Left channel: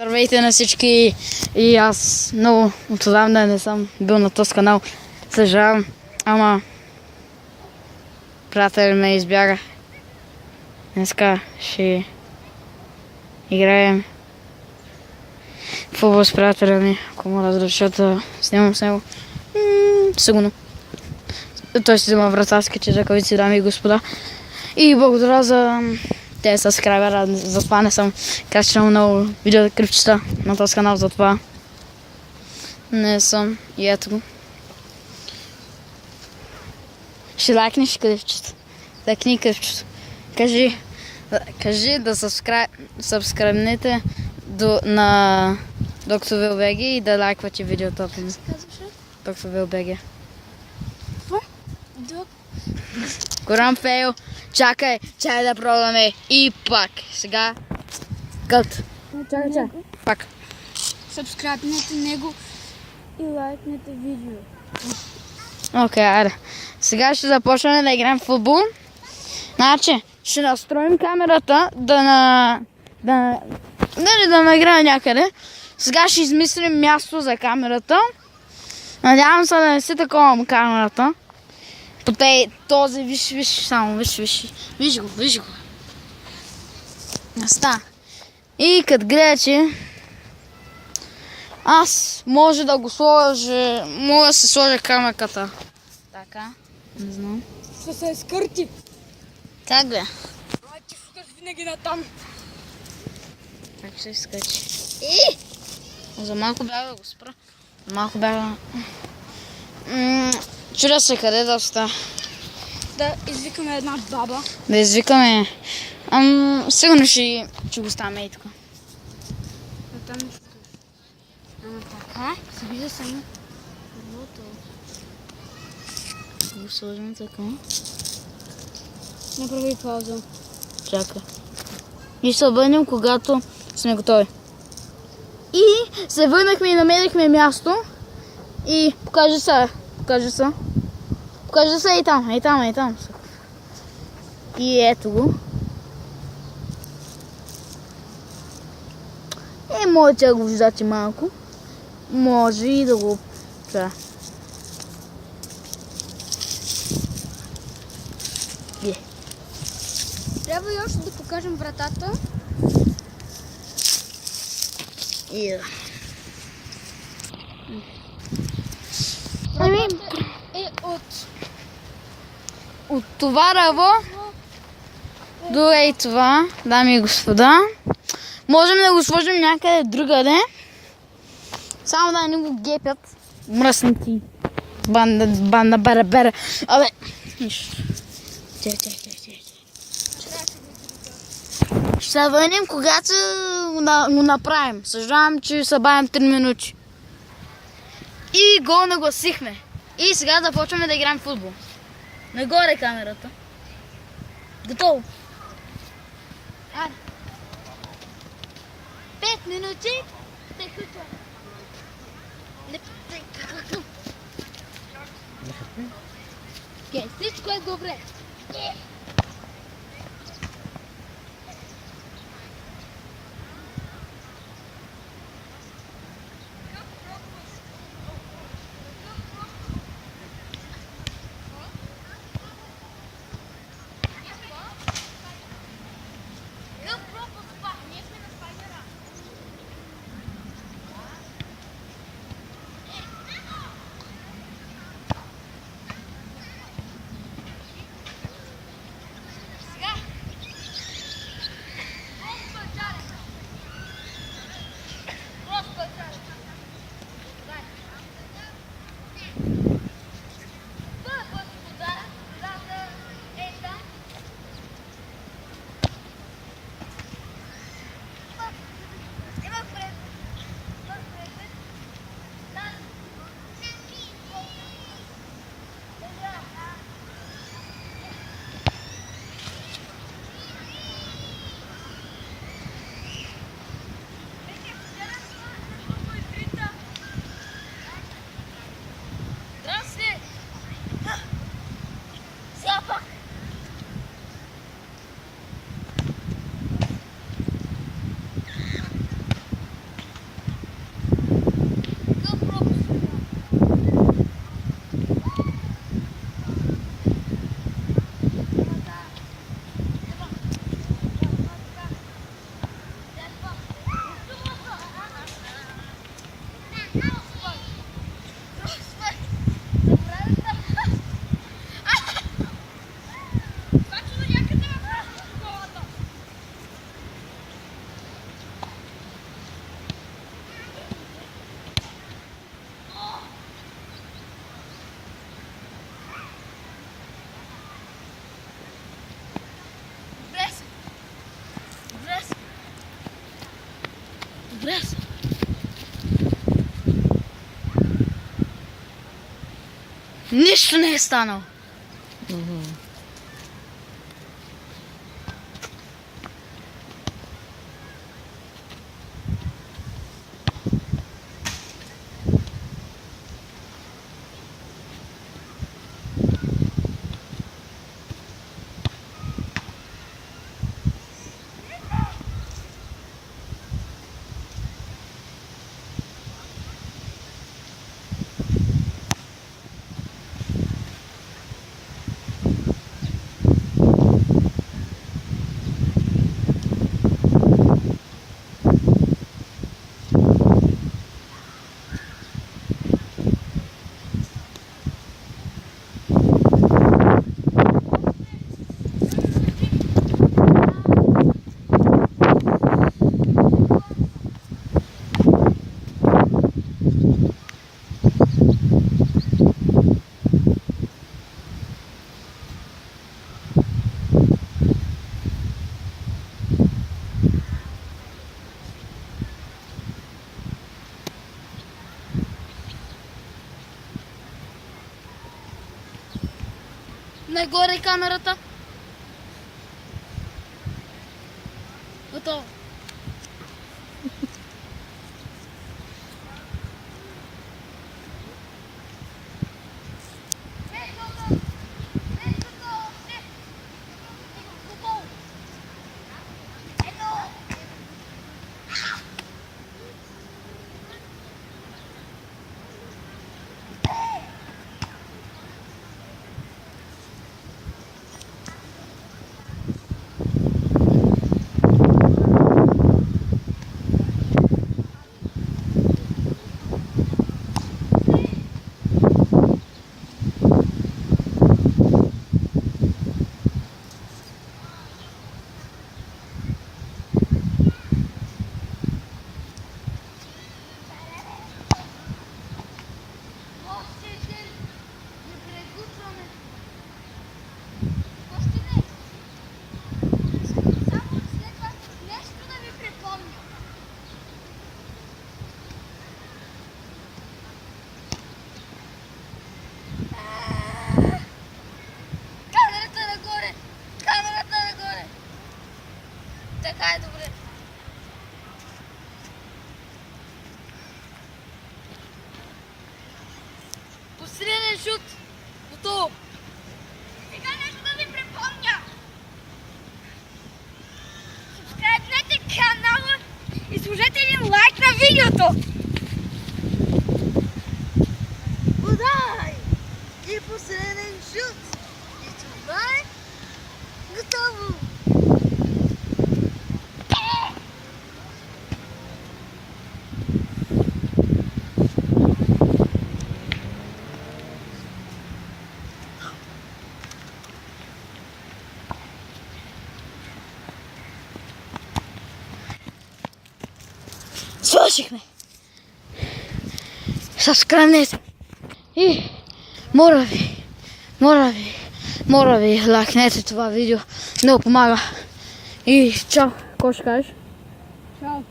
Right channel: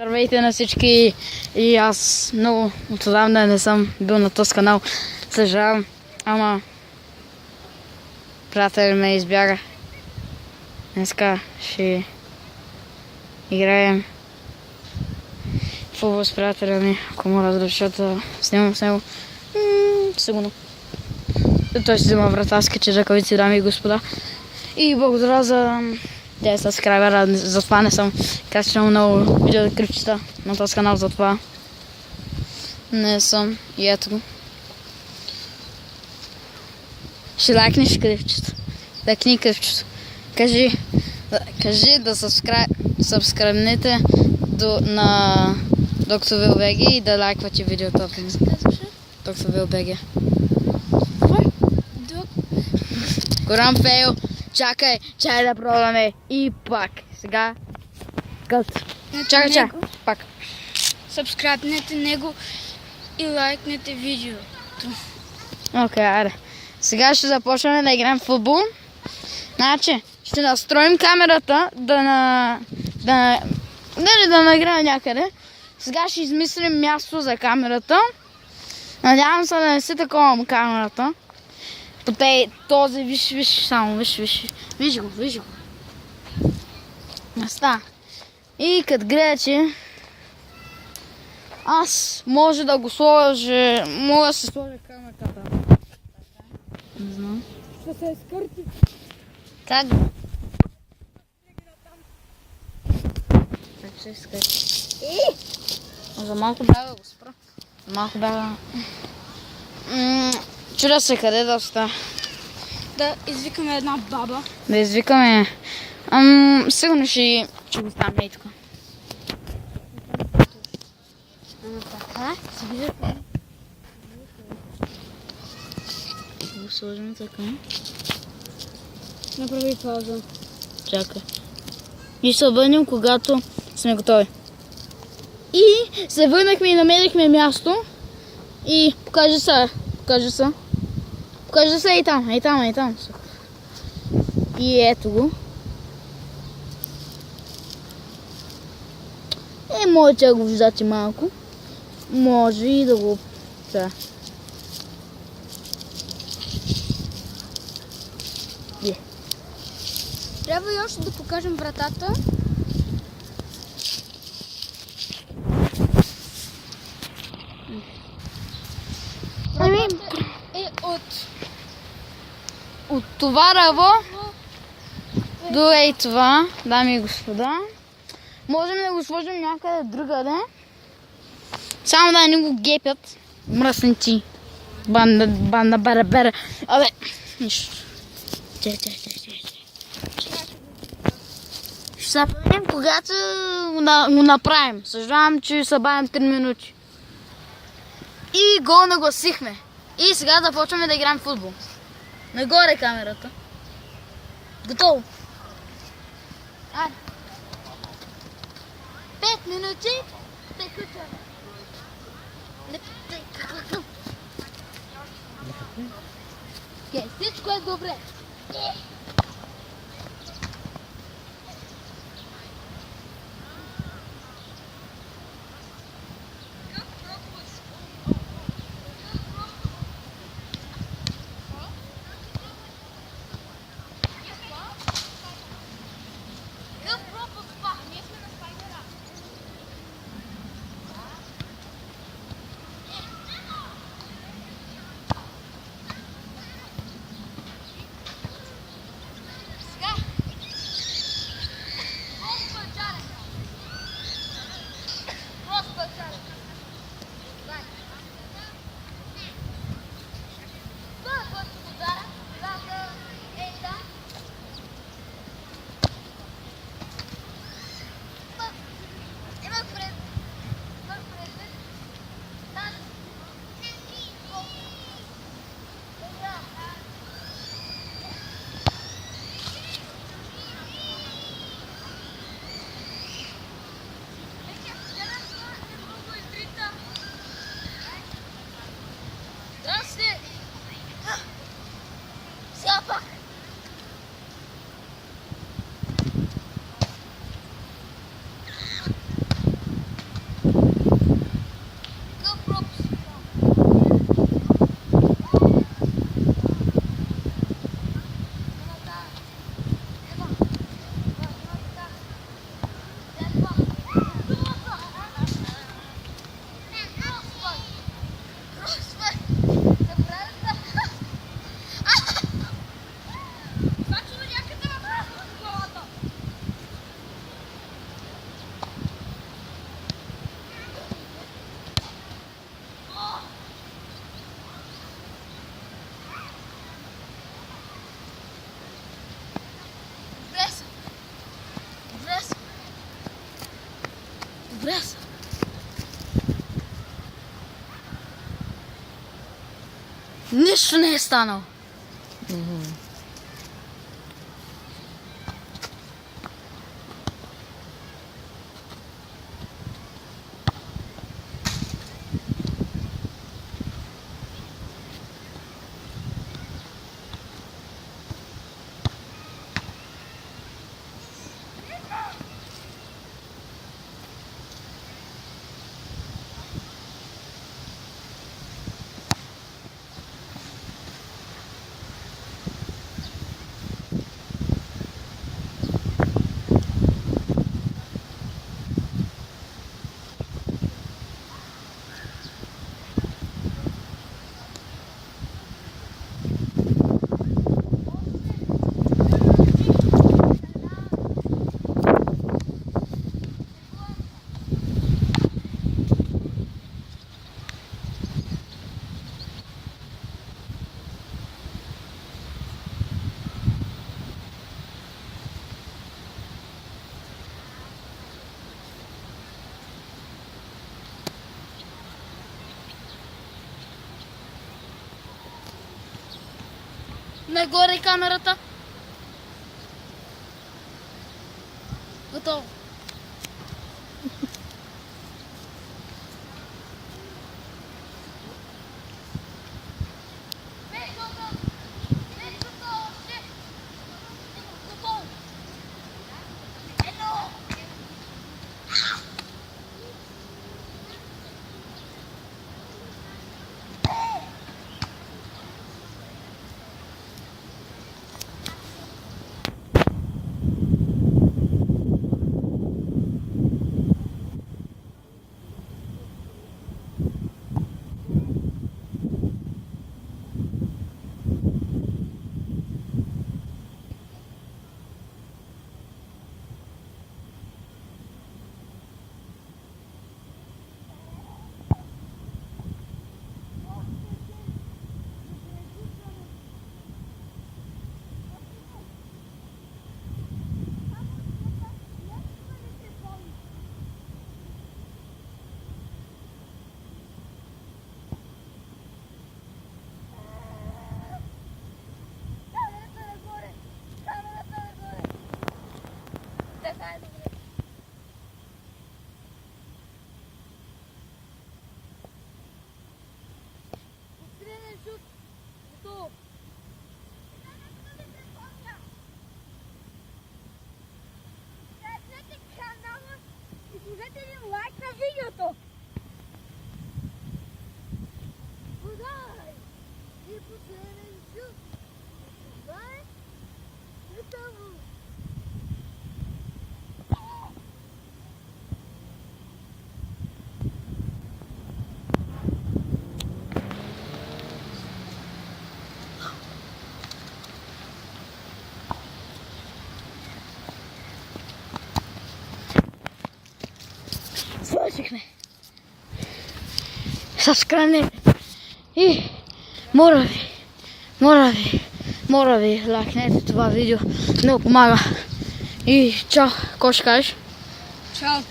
Здравейте на всички и аз много отдавна не съм бил на този канал. Съжалявам, ама приятел ме избяга. Днеска ще играем футбол с приятеля ми, ако му разрешат да снимам с него. Сигурно. Той си взема вратарските ръкавици, дами и господа. И благодаря за 10 сабскрайбера, затова не съм качвал много видеоклипчета на този канал, затова не съм. И ето го. Ще лайкнеш клипчето. Лайкни клипчето. Кажи да сабскрайбнете на Доктор Вилбеги и да лайквате видеото. Доктор Вилбеги. Голям фейл. Чакай да пробваме и пак. Сега кът. Чакай. Пак. Сабскрайбнете него и лайкнете видеото. Окей, айде. Сега ще започнем да играем в футбол. Значи, ще настроим камерата да награя някъде. Сега ще измислим място за камерата. Надявам се да не си такова камерата. По този, виж, само, виж. Виж го. Ста. И като гледате, аз може да го сложа, мога да се сложа камерката. Така, не знам. Се скърти. Как бе? Ти фукаш винаги на там. Как се изкачи? За малко бях да го спра. Малко бях да... Чудя се къде да остава. Да извикаме една баба. Да извикаме... Сигурно ще го ставаме и тук. Ама така, си вижда само. Го сложим така. Направи пауза. Чакай. И ще се върнем, когато сме готови. И се върнахме и намерихме място. И покажи се. Покажи се и там. И ето го. Може да го виждате малко. Може и да го... Да. Трябва и още да покажем вратата. Вратата е от това ръво до ей това, дами и господа. Можем да го сложим някъде другаде. Само да не го гепят. Мръсници. Банда бера. Абе, нищо. Ще се върнем, когато го направим. Съжалявам, че събавим 3 минути. И го нагласихме. И сега да почваме да играем в футбол. Нагоре камерата. Готово. 5 минути. Всичко е добре. Добре са. Нищо не е станало. Нагоре камерата. Готово. Така е добре. Посреден шут. Готово. Сега нещо да ви припомня. Субскрайбнете канала и сложете един лайк на видеото. Удай! И последен шут. И това е готово. Свършихме. Subscribe и моля ви, лайкнете това видео. Много помага. И чао, какво ще кажеш? Чао.